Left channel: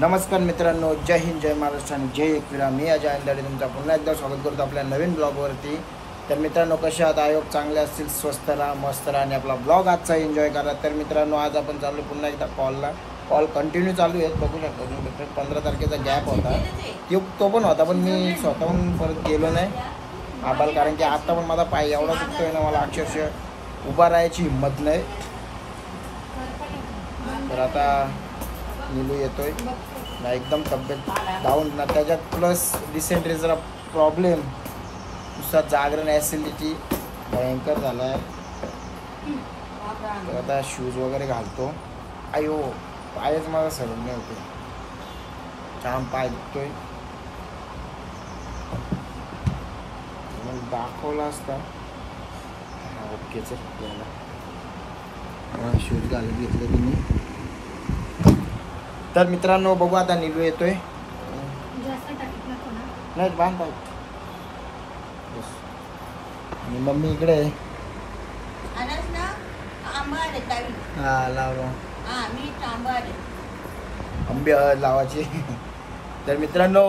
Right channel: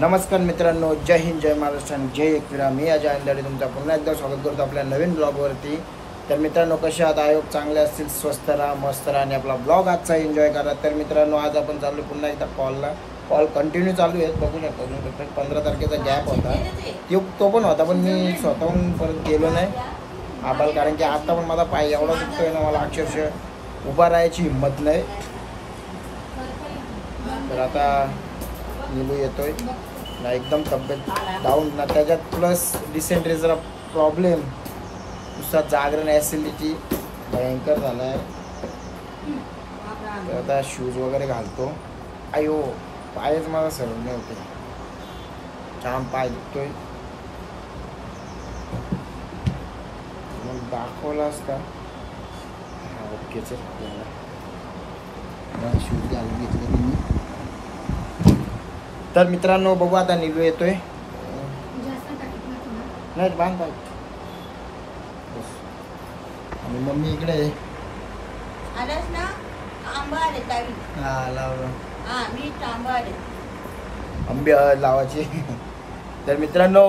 नमस्कार मित्रांनो, जय हिंद, जय महाराष्ट्र आणि जय एकविरा. मी अजय अंधारे तुमचा पुन्हा एकदा स्वागत करतो आपल्या नवीन ब्लॉगवरती. तर मित्रांनो, कसे आहात? आयोग चांगले असतील, स्वस्थ राहा, मस्त राहा आणि आपला ब्लॉग आजचा एन्जॉय करा. तर मित्रांनो, आज आपण चाललो पुन्हा एकदा कॉल कंटिन्यू चालू आहेत. बघू शकता तुम्ही, 15 तारखेचा गॅप होता तो पण होता, पण मी स्वतःहून परत गेलो नाही आबाल, कारण की आता पण माझा पाय एवढा दुखतोय ना, मला अक्षरशः उभा राहायची हिंमत नाही. तर आता नीलू येतोय ना, एकदम तब्येत डाऊन ना, त्याच्यात प्लस डिसेंट्रीचा प्रॉब्लेम, नुसता जागरण, ॲसिडिटी भयंकर झाला आहे. तर आता शूज वगैरे घालतो. आयो, पायच माझा सरळ नाही होते, छान पाय दुखतोय. मग दाखवला असता ओकेच आपल्याला. शूज घालून घेतले तुम्ही. तर मित्रांनो, बघू आता नीलू येतोय. नाही बांध पाहिजे. आणि मम्मी इकडे आहे. आंबे लावायचे. तर मित्रांनो,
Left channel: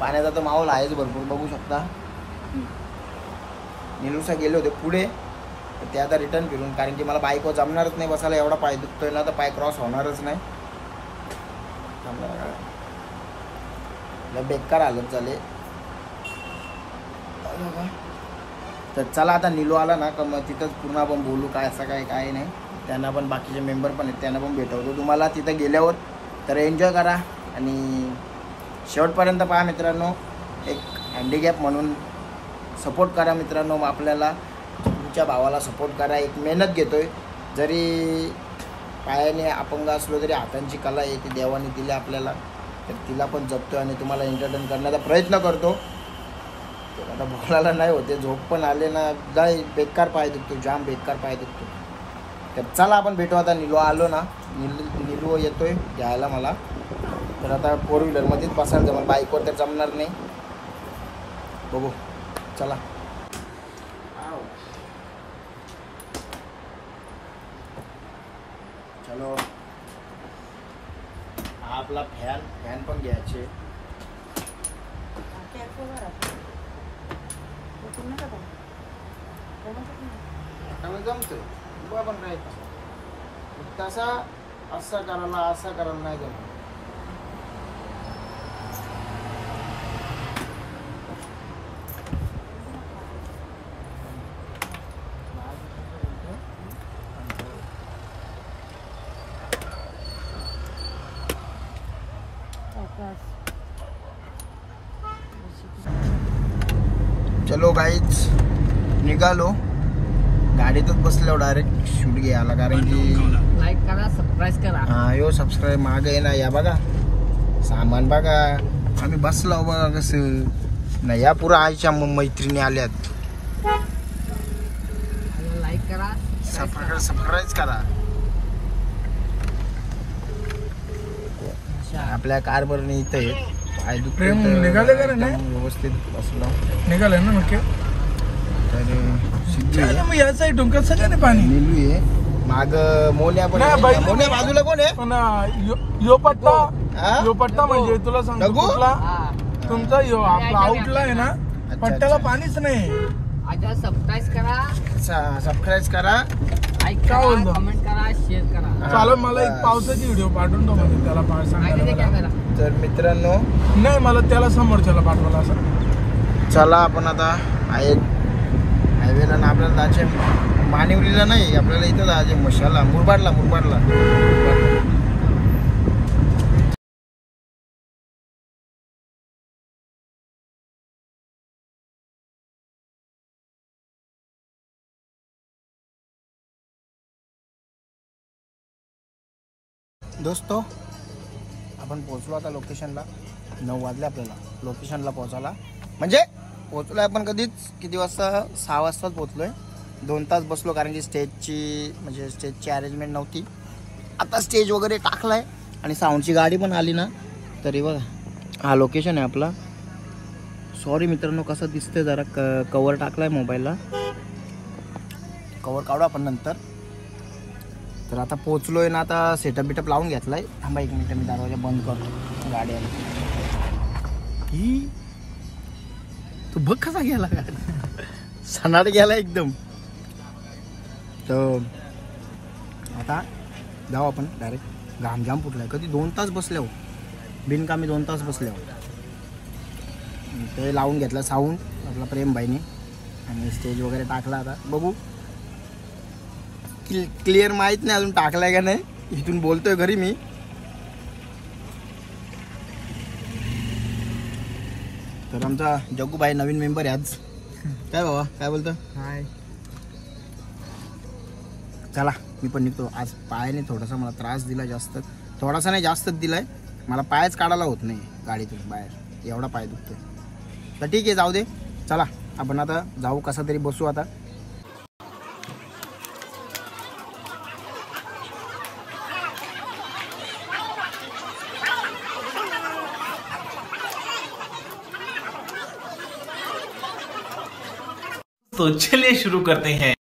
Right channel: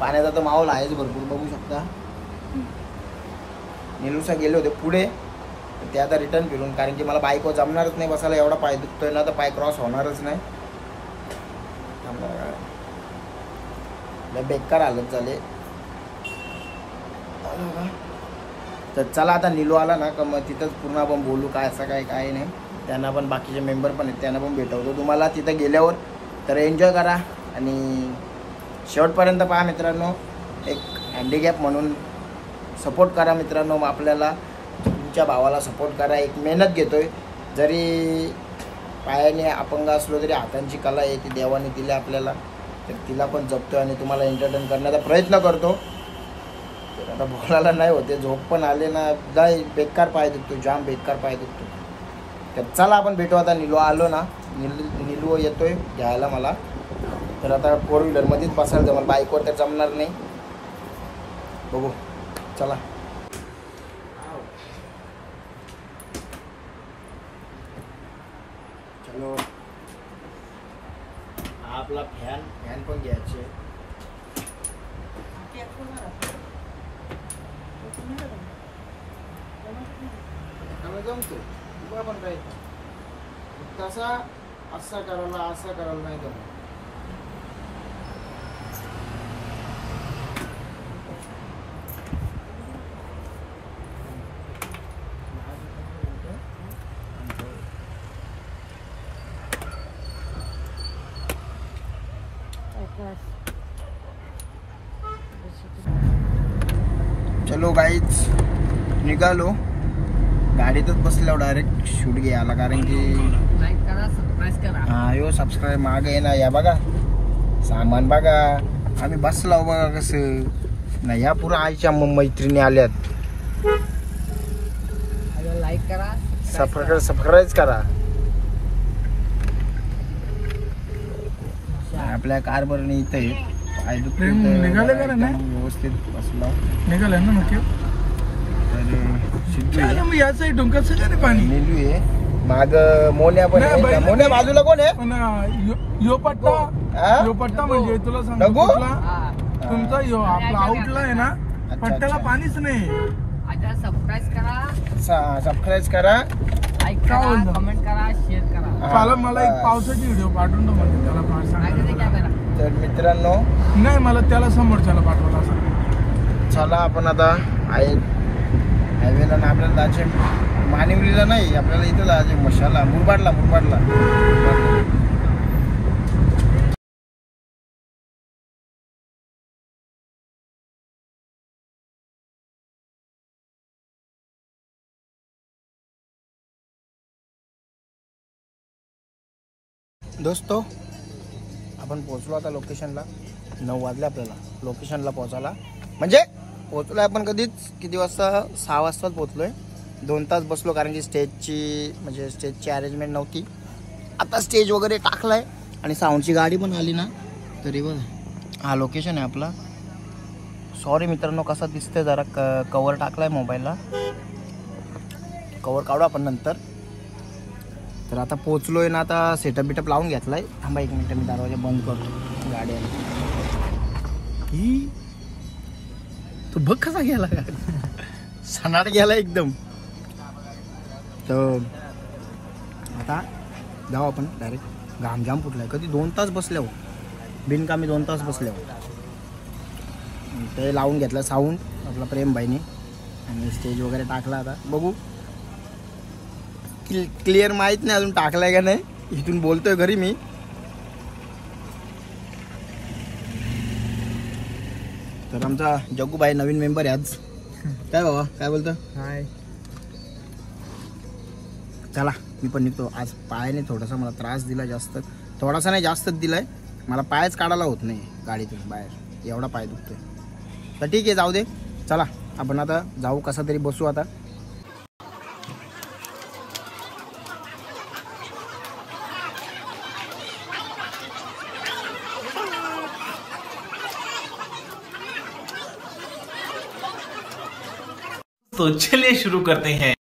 पाण्याचा तर माहोल आहेच भरपूर, बघू शकता. नीलूसा गेले होते पुढे, ते आता रिटर्न फिरून, कारण की मला बाईकवर जमणारच नाही बसायला, एवढा पाय दुखतोय ना, तर पाय क्रॉस होणारच नाही. बेकार हालत झाले. तर चला, आता नीलू आला ना का मग तिथंच पूर्ण आपण बोलू काय असं काय नाही. त्यांना पण, बाकीचे मेंबर पण आहेत, त्यांना पण भेटवतो तुम्हाला तिथं गेल्यावर. तर एन्जॉय करा आणि शेवटपर्यंत पहा मित्रांनो. एक हँडिकॅप म्हणून सपोर्ट करा मित्रांनो, आपल्याला तुमच्या भावाला सपोर्ट करा. एक मेहनत घेतोय, जरी पायाने अपंग असलो तरी हातांची कला आहे, ती देवाने दिली आपल्याला, तर तिला पण जपतो आणि तुम्हाला एंटरटेन करण्याचा प्रयत्न करतो. तर आता बोलायला नाही होते, झोप पण आले ना, बेकार पाय दुखतो, जाम बेकार पाय दुखतो. तर चला आपण भेटू आता. नीलू आलो ना, नीलू येतोय घ्यायला मला. तर आता 4 व्हीलरमध्येच बसायला जमल, बाईकवर तर जमणार नाही. बघू, चला. चलो, हा आपला फॅन पण घ्यायचे. जमतोय बघा, पण काय तसा असा करायला नाही जमत. चलो गाईच, निघालो. गाडीतच बसलो डायरेक्ट शूट घ्यायला, कारण की लाईक करा, सबस्क्राईब करा. हा, यो सबस्क्राईब मागे आहे ना. या बघा सामान बघा, आम्ही बसलो बघा कसं नाही. या पुरा आईच्या मैत्रिणी आल्यात. लाईक करा, सबस्क्राईब करा. आपल्या कारभरने इथं आहे. पाय दुखते एकदम व्यवस्थित बसलो. निघाले ना नक्की. तर सिद्धू आहे, या साईडून कसं नाही पाणी. नीलू आहे माग, मोन्या पण आहे. मोन्या बाजूला कोण आहे? पण यो पट्टा म्हणजे तुला सांगतो, तुमचा यो आपला आउटला आहे ना, पट्ट्याला पाणीच नाही. आता सबस्क्राईब करा, सबस्क्राईब करा, लाईक करा, कमेंट करा, शेअर करा. चालेल, मला एक पावसाची व्हिडिओ पाठवून दो मला, त्याला कॅमेरा. तर मित्रांनो, नाही मला त्याला समोरच्याला पाठवला असं. चला आपण आता हायवेला ना, आपल्याला जायचे मानिवलीला नाही, आपल्याला इथं जायचे मशाला, मुरबाडला. दोस्तो, आपण पोहोचलो आता लोकेशनला. 9 वाजले आपल्याला लोकेशनला पोहोचायला. म्हणजे पोहोचलो आहे आपण किती वाजता? 6 वाजताच पोहोचलो आहे. 2 तास बसलो, कारण की स्टेजची अरेंजमेंट नव्हती. आता स्टेज वगैरे टाकला आहे आणि साऊंडची गाडी पण आली ना. तरी बघा, हा लोकेशन आहे आपला. सॉरी मित्रांनो, कसा दिसतंय जरा, कवर टाकला आहे मोबाईलला, कवर काढू आपण नंतर. तर आता पोचलोय ना, आता सेटअप बिटअप लावून घेतलाय. थांबा 1 मिनिट, मी दरवाजा बंद करतो. गाडी आली ही, तू बघ कसा गेला गाडी, सनाट गेला एकदम. तर आता जाऊ आपण डायरेक्ट. घामजाम फुटलाय, कधी 2 तास बसले हो, बिनकामी 2 तास बसले हो. ते लावून घेतलं साऊंड आपला प्रेमभाईने आणि स्टेज वगैरे टाकला. आता बघू, क्लिअर माहीत नाही अजून टाकलाय का नाही. इथून बोलतोय घरी मी. तर आमचा जग्गूभाई नवीन मेंबर आहे आज. काय बाबा, काय बोलतो? हाय. चला मी पण निघतो. आज पायाने थोडासा मला त्रास दिला, जास्त थोडासा नाही जास्तच दिलाय. मला पायच काढायला होत नाही गाडीतून बाहेर, एवढा पाय दुखतोय. तर ठीक आहे, जाऊ दे. चला आपण आता जाऊ, कसा तरी बसू आता. तो चलिए शुरू करते हैं.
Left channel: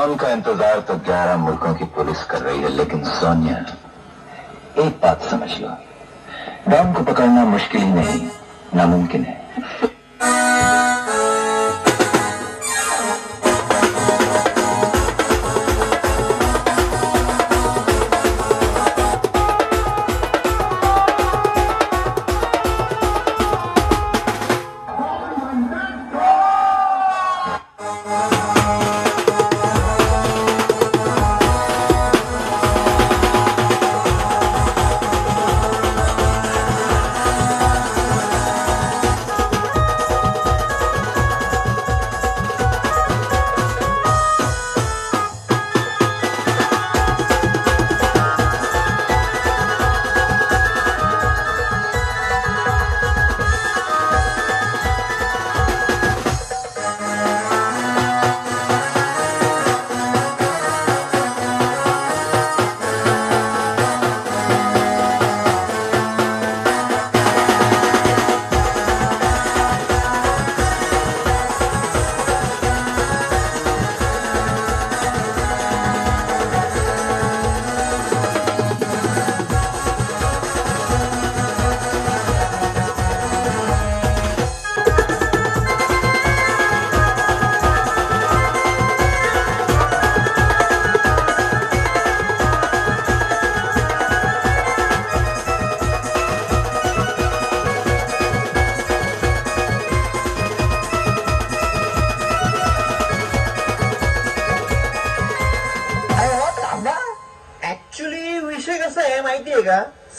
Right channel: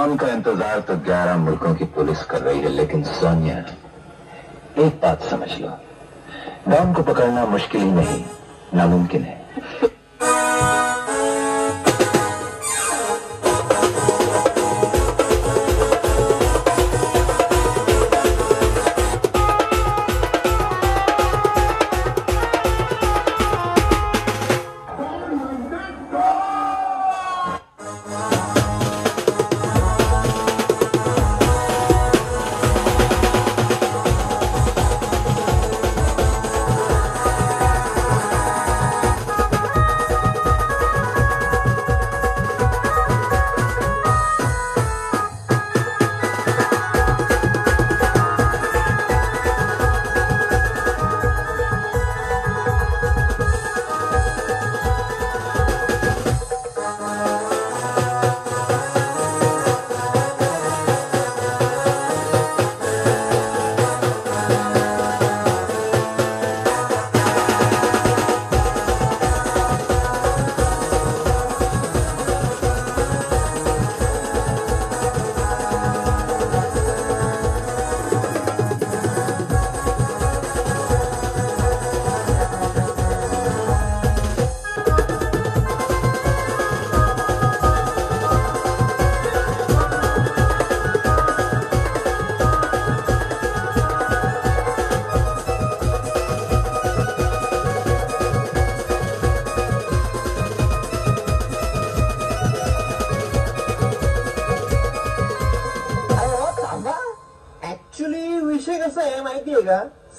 डॉन का इंतजार तो 11 मुल्कों की पुलिस कर रही है, लेकिन सोनिया एक बात समझ लो, डॉन को पकड़ना मुश्किल ही नहीं, नामुमकिन है।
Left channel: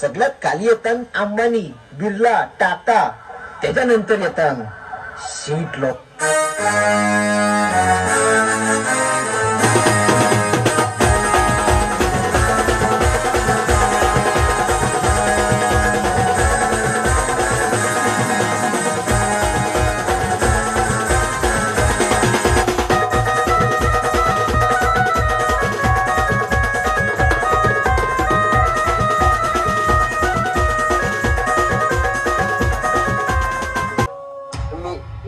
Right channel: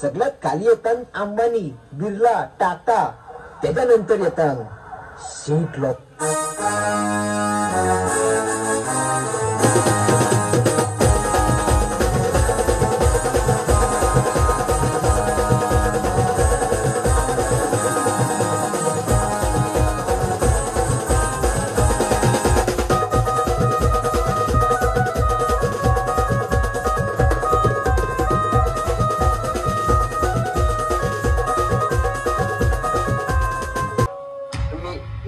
सगळ्यात खाली येतात अंबानी, बिर्ला, टाटा, त्याच्यानंतर येतात सीट लोक.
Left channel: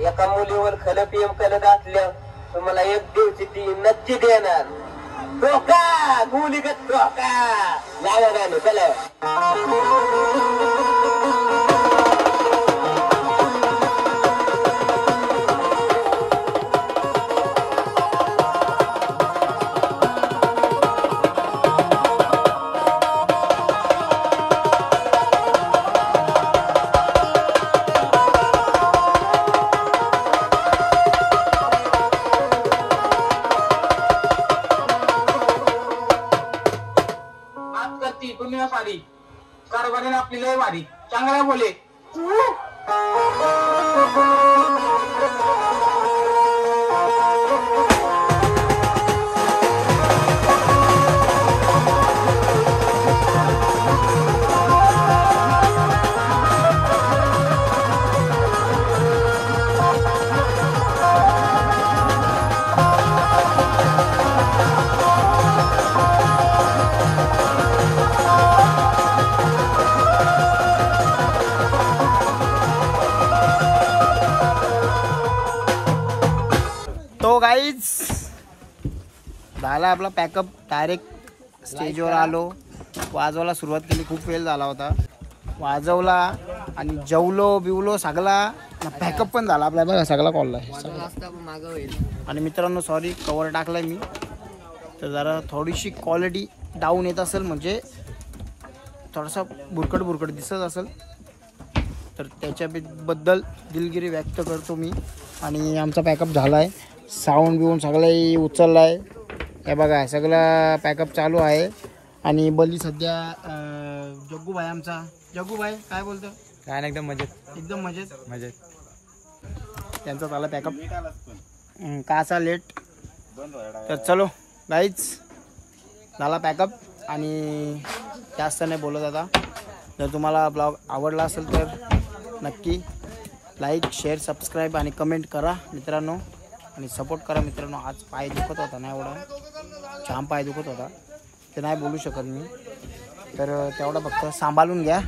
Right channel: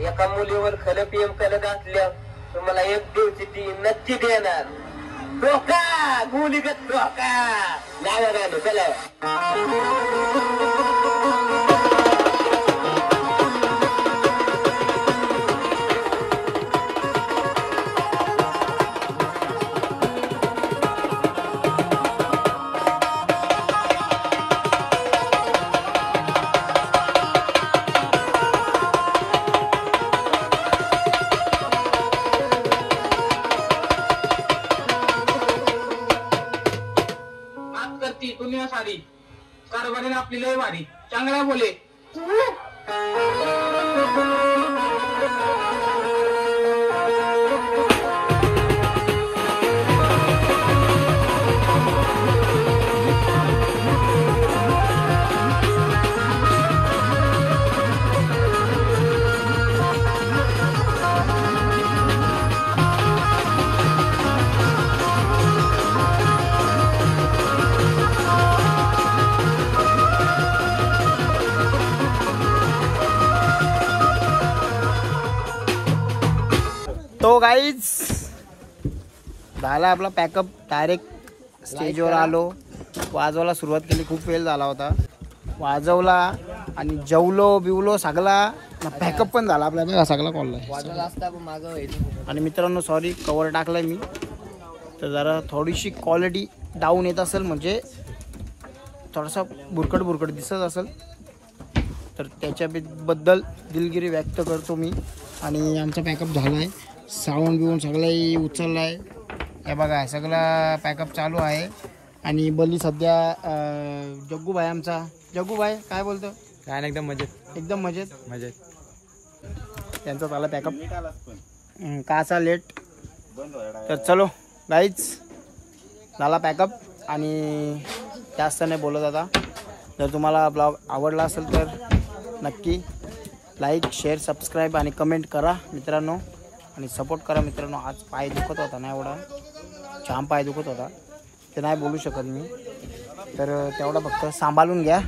एका मुलीवर खल पीएम कल घातल्या तुम्हाला एक दिवशी ती नक्की देणार. डोका गुलीगत डोका लावा गाणं चला. सारी कारभारीने आपली लय भारी चांगल्या बोले. तो गाईज झाला आपला पॅकअप. डायरेक्ट स्टेजवर आलो, वाजवायला सुरुवात केली. खूप वेळ झाला होता, वाजवला आणि जेवलो बिवलो सगळा. पॅकअप पण झाला आपला बघा, सगळा कॉल आहे. आणि मित्रांनो सॉरी कवर टाकलाय मी, तर जरा थोडीशी क्वालिटी डाऊन येत असेल, म्हणजे थोडासा बुरकट दिसत असेल, तर त्याच्याबद्दल दिलगिरी व्यक्त करतो मी. आणि आमचा पॅकअप झाला आहे, साऊंड बिवून सगळंही उचलला आहे. हे बघा सगळं पॅकअप चालू आहे. आणि बली सध्या जग्गूभाई आमचा, जग्गूभाई काय बोलतो? काय नाही, एकदम मजेत, एकदम मजेत मजेत. त्यांचा झाला पॅकअप, काचा लेट. तर चलो गाईज झाला पॅकअप. आणि जास्त नाही बोलत आता. जर तुम्हाला ब्लॉग आवडला असेल तर नक्की लाईक, शेअर, सबस्क्राईब आणि कमेंट करा मित्रांनो. आणि सपोर्ट करा मित्रांनो. आज पाय दुखत होता ना, एवढा जाम पाय दुखत होता, ते नाही बोलू शकत मी, तर तेवढा फक्त सांभाळून घ्या.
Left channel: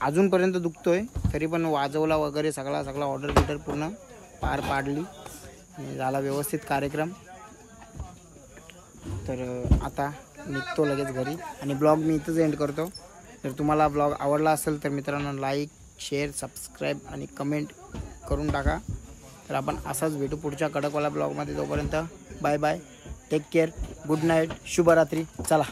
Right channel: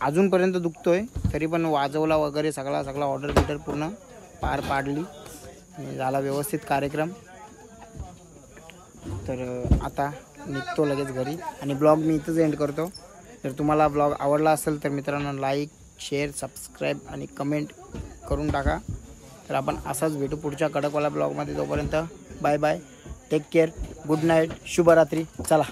अजूनपर्यंत दुखतोय तरी पण वाजवला वगैरे सगळा ऑर्डर पूर्ण पार पाडली आणि झाला व्यवस्थित कार्यक्रम. तर आता निघतो लगेच घरी आणि ब्लॉग मी इथंच एंड करतो. जर तुम्हाला ब्लॉग आवडला असेल तर मित्रांनो लाईक शेअर सबस्क्राईब आणि कमेंट करून टाका. तर आपण असाच भेटू पुढच्या कडकवाला ब्लॉगमध्ये. तोपर्यंत bye bye, take care, good night, शुभरात्री. चला.